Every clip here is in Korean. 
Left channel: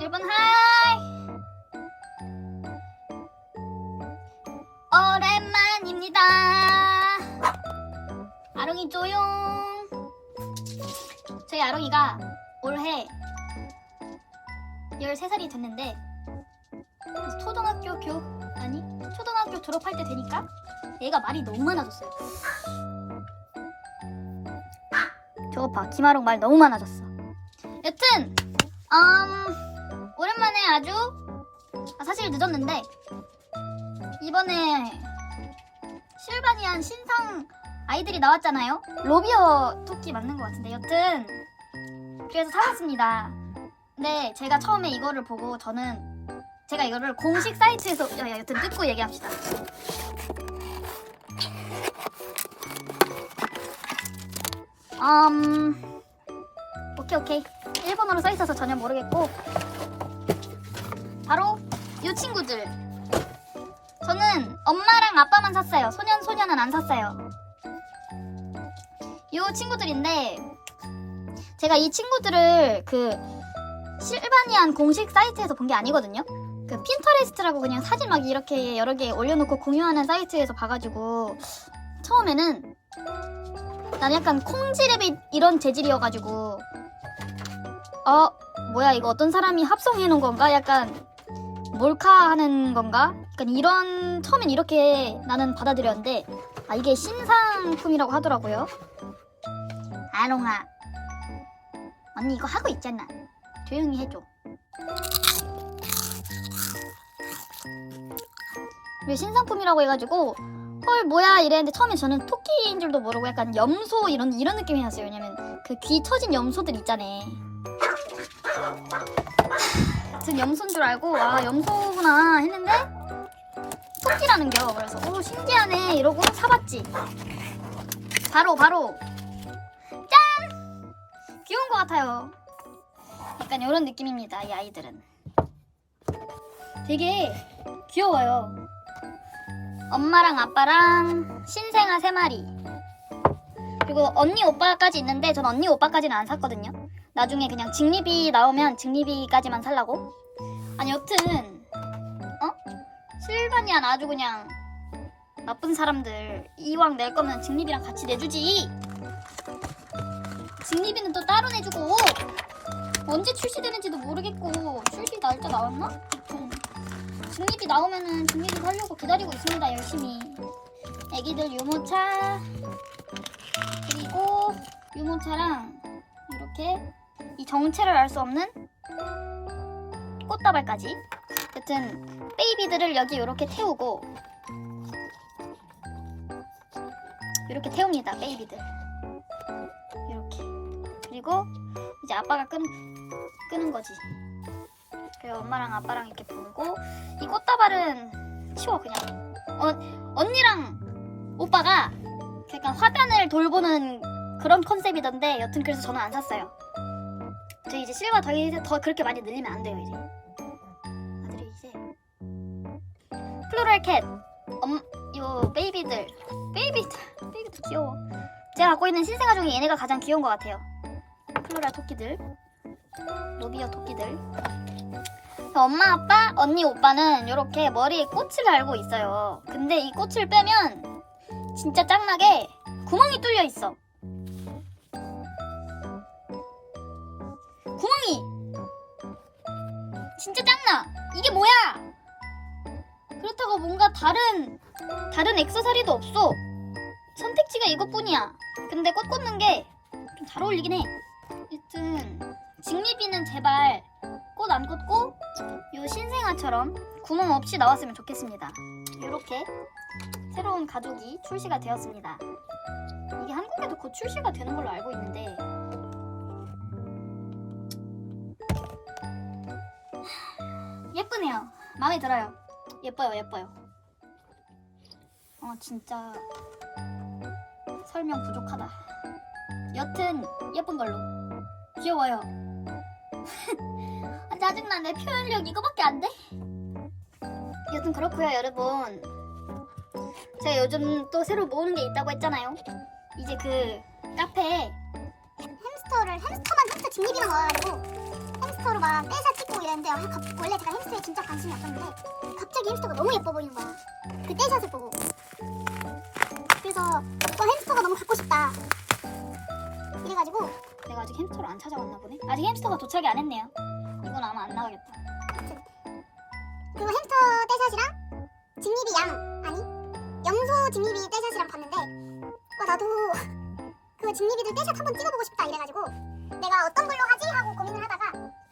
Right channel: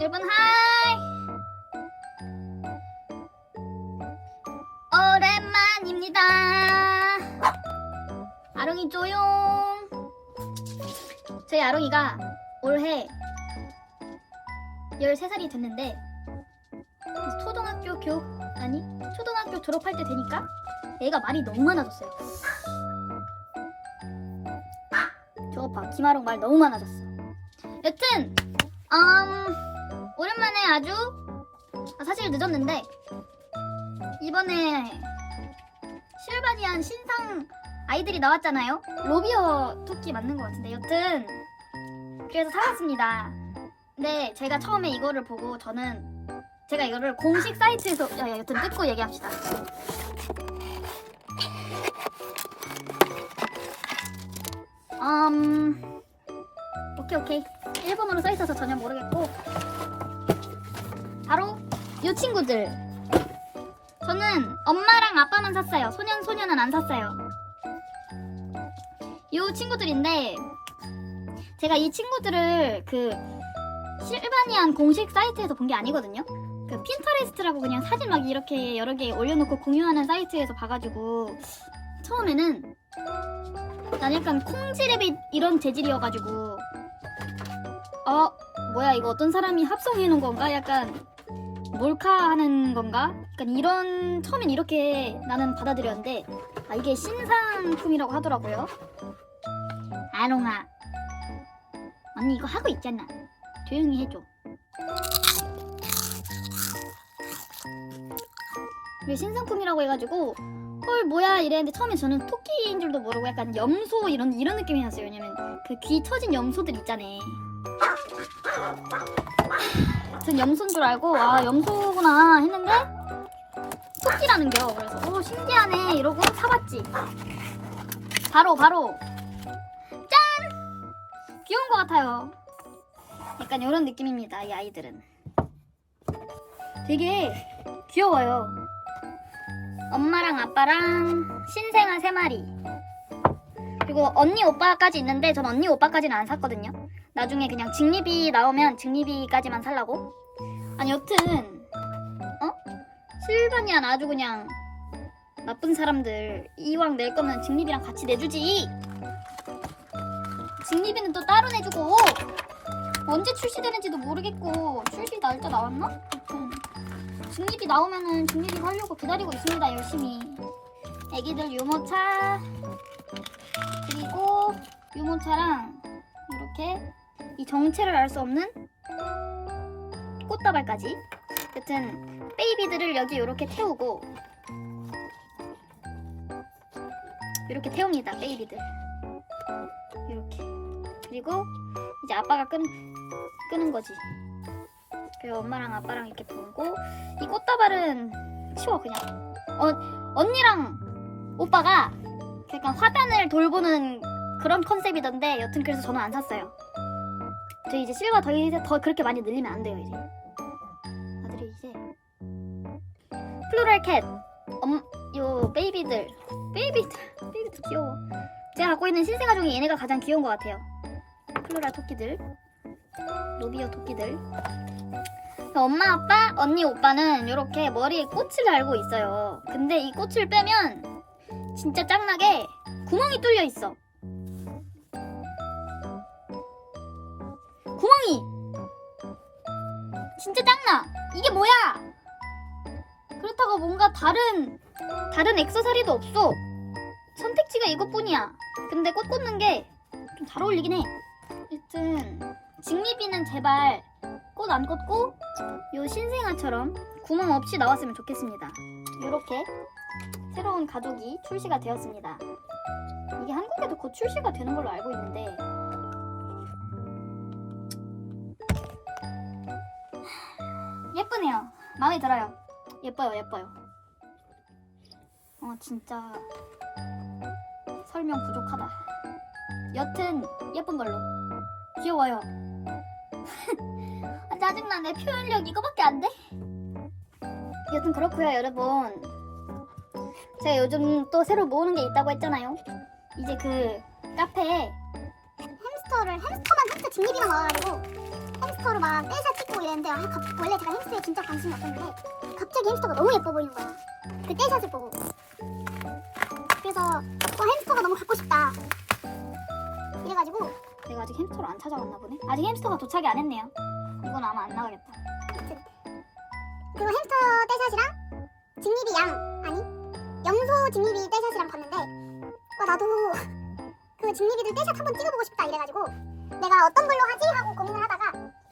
여러분 하이! 오랜만입니다. 아롱이 조용. 저희 아롱이가 올해 13살이 됐는데 초등학교 교육 아니 초등학교 졸업할 때 되니까 얘가 말이 너무 많아졌어요. 저거 봐 김아롱 말 너무 많아졌어. 여튼 음, 오랜만에 아주 아, 사실 늦었는데 이번에 실바니안 신상 아이들이 나왔잖아요. 로비어 토끼 맞는 것 같은데 여튼 그래서 사왔습니다. 근데 제가 처음에 이거를 보고 저는 제가 이거를 공식 사이트에서 야, 야, 여튼 뜯고 얘기합시다. 음 오케이 오케이 일본어로 써 있어서 전혀 모르겠고 이 친구들. 저는 엄마랑 아빠만 샀어요. 소년 소녀는 안 샀어요. 이 친구들인데 제가 이 친구들을 그 실바니안 공식 사이트에서 본 게 아니거든요. 그 핀터레스트라고 그냥 사진 막 이렇게 여러 개 올려놓고 공유하는 사이트에서 봐가지고 처음에는 난 약간 콩지레빗 이런 재질이어가지고 어 뭐야 이거 어떤 사람이 합성해 놓은 건가? 약간 몰카하는 건가? 약간 이런 처음엔 이렇게 나는 받아들였는데 아 이게 신상품이라고 하더라고요. 아롱아 언니 이거 하고 있잖아. 조용히 해줘. 왜 신상품이라고 해가지고 헐 뭐야 이랬는데 처음에 저는 토끼인 줄도 모르고 약간 염소 이런 이런 느낌이 났어요. 왜냐면 그 귀 처진 염소들 있잖아 전 염소인 줄 알고 아 염소구나 했는데 토끼라는 겨. 그래서 오 신기하네. 이러고 사봤지. 바로 바로. 짠! 귀여운 것 같아요. 약간 이런 느낌입니다 이 아이들은. 되게 귀여워요. 엄마랑 아빠랑 신생아 세 마리. 그리고 언니 오빠까지 있는데 전 언니 오빠까지는 안 샀거든요 나중에 그냥 직립이 나오면 직립이까지만 살라고 아니 여튼 어? 실바니안 아주 그냥 나쁜 사람들 이왕 낼 거면 직립이랑 같이 내주지 직립이는 또 따로 내주고 언제 출시되는지도 모르겠고 출시 날짜 나왔나? 여튼 직립이 나오면은 직립이 살려고 기다리고 있습니다 열심히 애기들 유모차 그리고 유모차랑 이렇게 이 정체를 알 수 없는 꽃다발까지. 여튼 베이비들을 여기 이렇게 태우고 이렇게 태웁니다 베이비들. 이렇게. 그리고 이제 아빠가 끈, 끄는 거지. 그리고 엄마랑 아빠랑 이렇게 불고 이 꽃다발은 치워 그냥. 어, 언니랑 오빠가 약간 화단을 돌보는 그런 컨셉이던데 여튼 그래서 저는 안 샀어요 저 이제 실버 더, 이제 더 그렇게 많이 늘리면 안 돼요 이제. 아들이 이제 플로럴 캣 엄, 요 베이비들. 베이비들. 베이비들 귀여워. 제가 갖고 있는 신생아 중에 얘네가 가장 귀여운 것 같아요. 플로럴 토끼들. 로비어 토끼들. 엄마 아빠 언니 오빠는 이렇게 머리에 꽃을 달고 있어요. 근데 이 꽃을 빼면 진짜 짱나게 구멍이 뚫려 있어 진짜 짱나. 이게 뭐야? 그렇다고 뭔가 다른 다른 액세서리도 없어. 선택지가 이것뿐이야. 근데 꽃 꽂는 게 좀 잘 어울리긴 해. 여튼 직립이는 제발 꽃 안 꽂고 요 신생아처럼 구멍 없이 나왔으면 좋겠습니다. 이렇게 새로운 가족이 출시가 되었습니다. 이게 한국에도 곧 출시가 되는 걸로 알고 있는데 예쁘네요. 마음에 들어요. 예뻐요, 예뻐요. 어, 진짜 설명 부족하다. 여튼 예쁜 걸로. 귀여워요. 아, 짜증나. 내 표현력 이거밖에 안 돼? 여튼 그렇고요, 여러분. 제가 요즘 또 새로 모으는 게 있다고 했잖아요. 이제 그 카페에 햄스터를 햄스터만 햄스터 직립이만 와가지고 햄스터로 막 떼샷 찍고 이랬는데 아, 갑- 원래 제가 햄스터에 진짜 관심이 없었는데 갑자기 햄스터가 너무 예뻐 보이는 거예요. 그 떼샷을 보고. 그래서 와 햄스터가 너무 갖고 싶다. 이래가지고 내가 아직 햄스터를 안 찾아왔나 보네. 아직 햄스터가 도착이 안 했네요. 이건 아마 안 나가겠다. 그 햄스터 떼샷이랑 직립이 양 아니 염소 직립이 떼샷이랑 봤는데 와 나도 그 직립이들 떼샷 한번 찍어보고 싶다 이래가지고 내가 어떤 걸로 하지 하고 고민을 하다가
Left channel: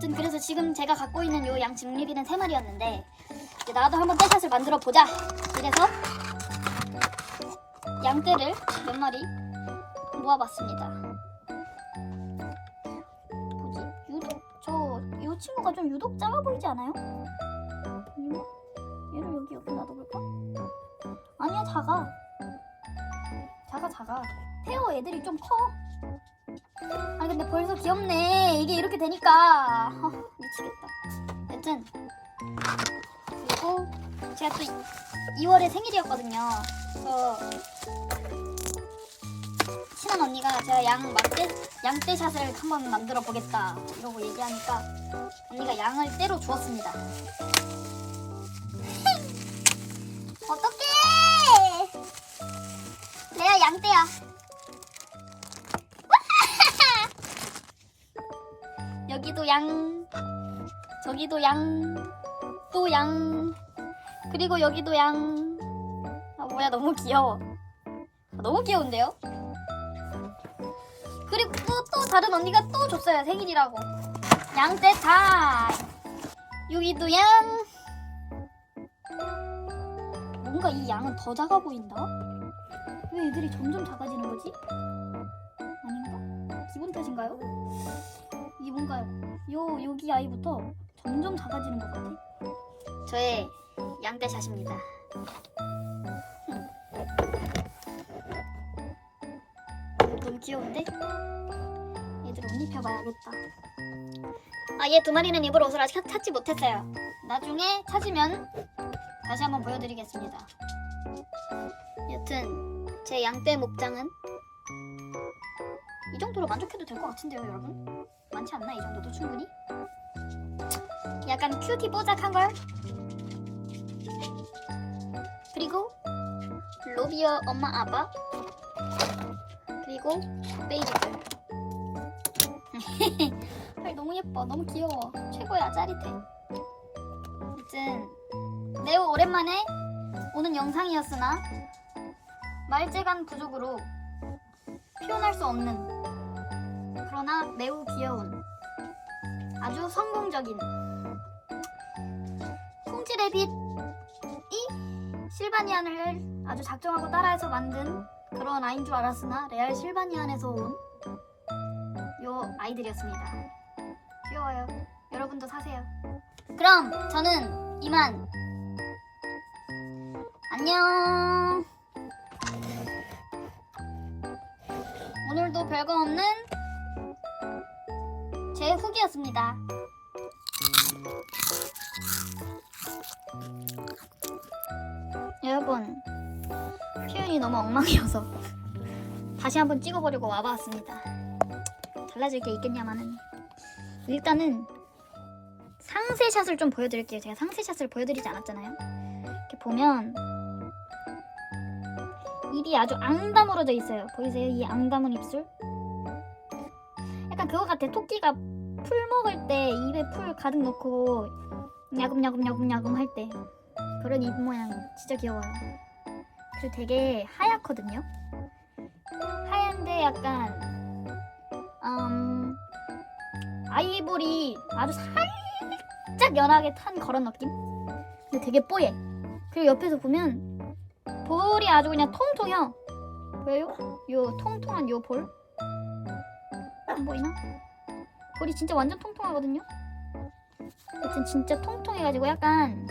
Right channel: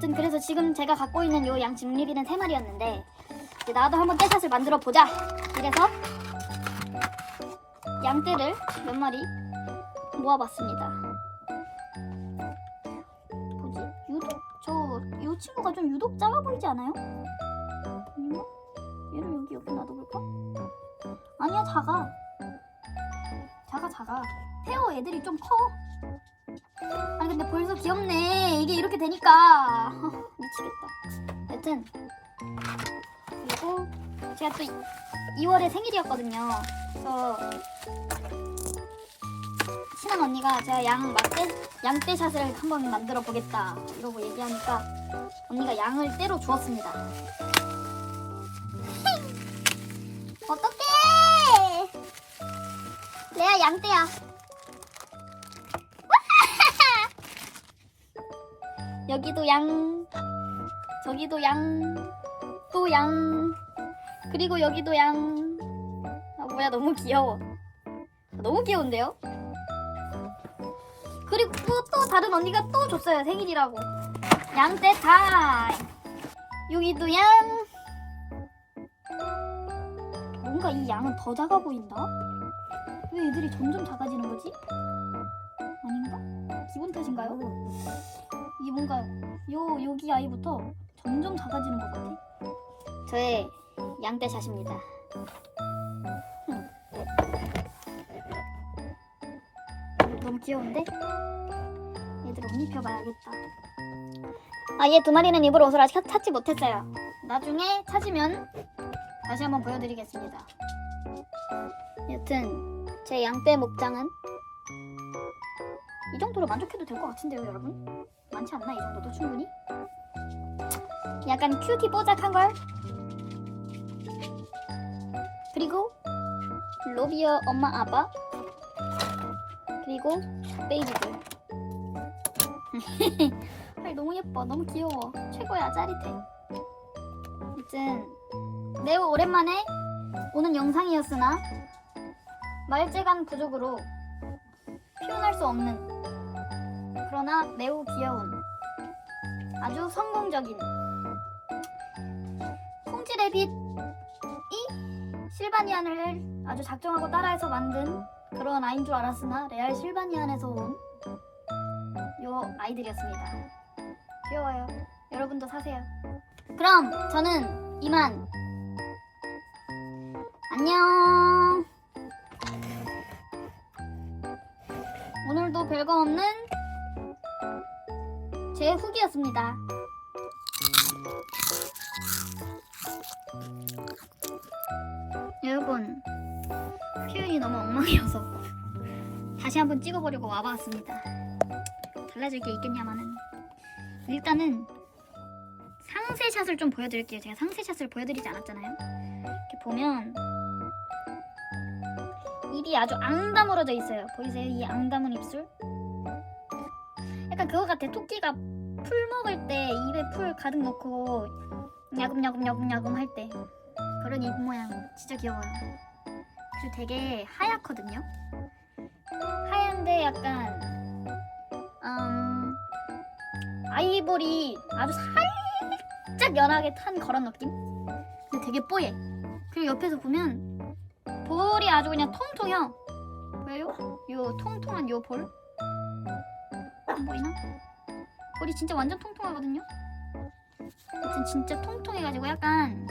여튼 그래서 지금 제가 갖고 있는 요 양 직립이는 세 마리였는데 이제 나도 한번 떼샷을 만들어 보자. 이래서 양떼를 몇 마리 모아봤습니다. 뭐지? 유독 저이 친구가 좀 유독 작아 보이지 않아요? 아닌가? 얘를 여기 옆에 놔둬볼까? 아니야 작아. 작아 작아. 페어 애들이 좀 커. 아니 근데 벌써 귀엽네. 이게 이렇게 되니까 아, 미치겠다. 여튼 그리고 제가 또 2월에 생일이었거든요. 그래서 친한 언니가 제가 양 막대 양떼샷을 한번 만들어 보겠다 이러고 얘기하니까 언니가 양을 떼로 주었습니다. 어떡해 레아 양떼야. 여기도 양, 저기도 양, 또 양, 그리고 여기도 양. 아 뭐야 너무 귀여워. 너무 귀여운데요? 그리고 또, 또 다른 언니가 또 줬어요 생일이라고. 양떼 타임. 여기도 양. 뭔가 이 양은 더 작아 보인다. 왜 애들이 점점 작아지는 거지? 아닌가? 기분 탓인가요? 이게 뭔가 요 여기 아이부터 점점 작아지는 것 같아. 저의 양떼샷입니다. 흠. 너무 귀여운데? 얘들 옷 입혀봐야겠다. 아, 얘 두 마리는 입으로 옷을 아직 찾지 못했어요. 나중에 찾으면 다시 한번 보여드리겠습니다. 여튼 제 양떼 목장은 이 정도로 만족해도 될 것 같은데요, 여러분? 많지 않나 이 정도도 충분히? 약간 큐티 뽀짝한 걸. 그리고 로비어 엄마 아빠 그리고 베이비들. 아 너무 예뻐, 너무 귀여워, 최고야, 짜릿해. 아무튼 매우 오랜만에 오는 영상이었으나 말재간 부족으로 표현할 수 없는 그러나 매우 귀여운 아주 성공적인 성질의 빛이 실바니안을 아주 작정하고 따라해서 만든 그런 아이인 줄 알았으나 레알 실바니안에서 온 요 아이들이었습니다. 귀여워요. 여러분도 사세요. 그럼 저는 이만 안녕. 오늘도 별거 없는 제 후기였습니다. 여러분, 표현이 너무 엉망이어서 다시 한번 찍어보려고 와봤습니다. 달라질 게 있겠냐마는 일단은 상세샷을 좀 보여드릴게요. 제가 상세샷을 보여드리지 않았잖아요. 이렇게 보면 입이 아주 앙다물어져 있어요. 보이세요? 이 앙다문 입술? 약간 그거 같아. 토끼가 풀 먹을 때 입에 풀 가득 넣고 야금야금야금야금 할 때 그런 입 모양 진짜 귀여워요. 그리고 되게 하얗거든요. 하얀데 약간 음 아이보리 아주 살짝 연하게 탄 그런 느낌? 근데 되게 뽀얘. 그리고 옆에서 보면 볼이 아주 그냥 통통해요. 보여요? 요 통통한 요 볼? 안 보이나? 볼이 진짜 완전 통통하거든요. 여튼 진짜 통통해가지고 약간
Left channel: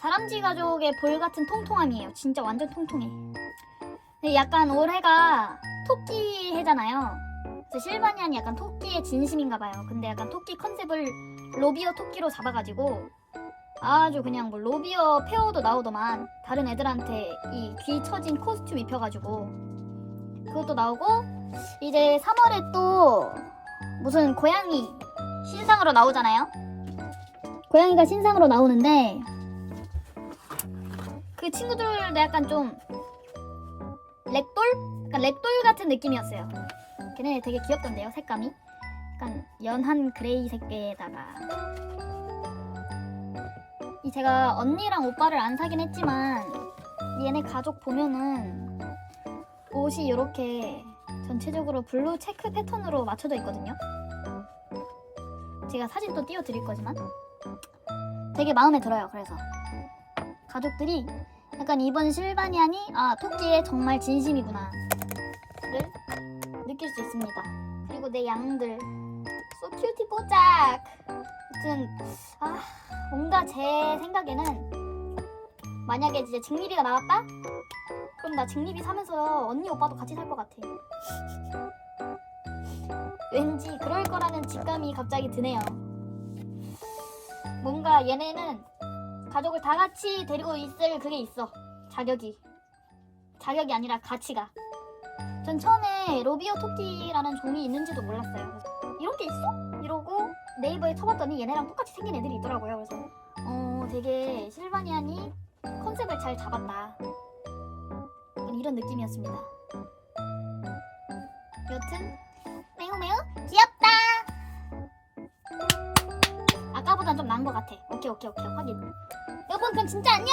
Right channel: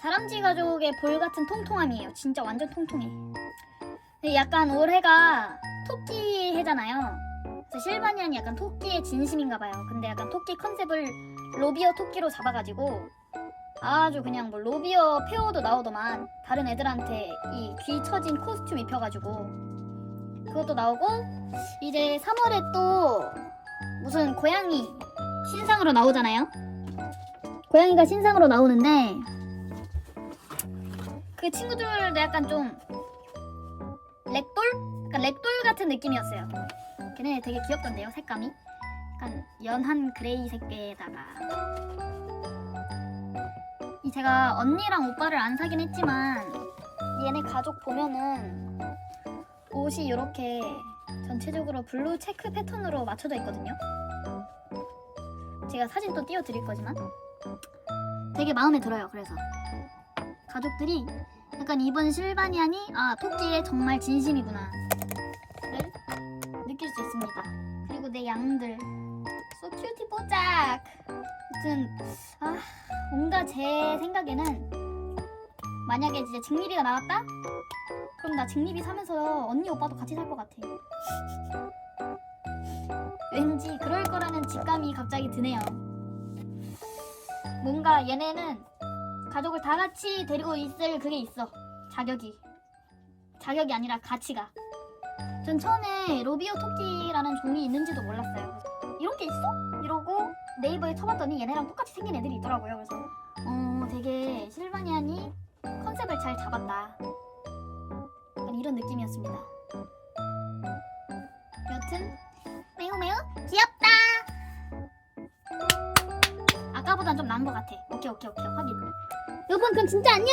다람쥐 가족의 볼 같은 통통함이에요. 진짜 완전 통통해. 근데 약간 올해가 토끼 해잖아요. 그래서 실바니안이 약간 토끼의 진심인가 봐요. 근데 약간 토끼 컨셉을 로비어 토끼로 잡아가지고 아주 그냥 뭐 로비어 페어도 나오더만 다른 애들한테 이 귀 처진 코스튬 입혀가지고 그것도 나오고 이제 3월에 또 무슨 고양이 신상으로 나오잖아요. 고양이가 신상으로 나오는데 그 친구들도 약간 좀 렉돌? 약간 렉돌 같은 느낌이었어요. 걔네 되게 귀엽던데요, 색감이. 약간 연한 그레이 색계에다가 이 제가 언니랑 오빠를 안 사긴 했지만 얘네 가족 보면은 옷이 이렇게 전체적으로 블루 체크 패턴으로 맞춰져 있거든요. 제가 사진 또 띄워드릴 거지만 되게 마음에 들어요. 그래서 가족들이 약간 이번 실바니안이 아 토끼의 정말 진심이구나를 느낄 수 있습니다. 그리고 내 양들 so 큐티 뽀짝. 아무튼 아 뭔가 제 생각에는 만약에 이제 직립이가 나왔다? 그럼 나 직립이 사면서 언니 오빠도 같이 살 것 같아. 왠지 그럴 거라는 직감이 갑자기 드네요. 뭔가 얘네는 가족을 다 같이 데리고 있을 그게 있어. 자격이. 자격이 아니라 가치가. 전 처음에 로비오 토끼라는 종이 있는지도 몰랐어요. 이런 게 있어? 이러고 네이버에 쳐봤더니 얘네랑 똑같이 생긴 애들이 있더라고요. 그래서 어 되게 실바니안이 컨셉을 잘 잡았다. 이런 느낌이었습니다. 여튼 매우 매우 귀엽다. 아까보단 좀 나은 것 같아. 오케이 오케이 오케이 확인. 여러분 그럼 진짜 안녕.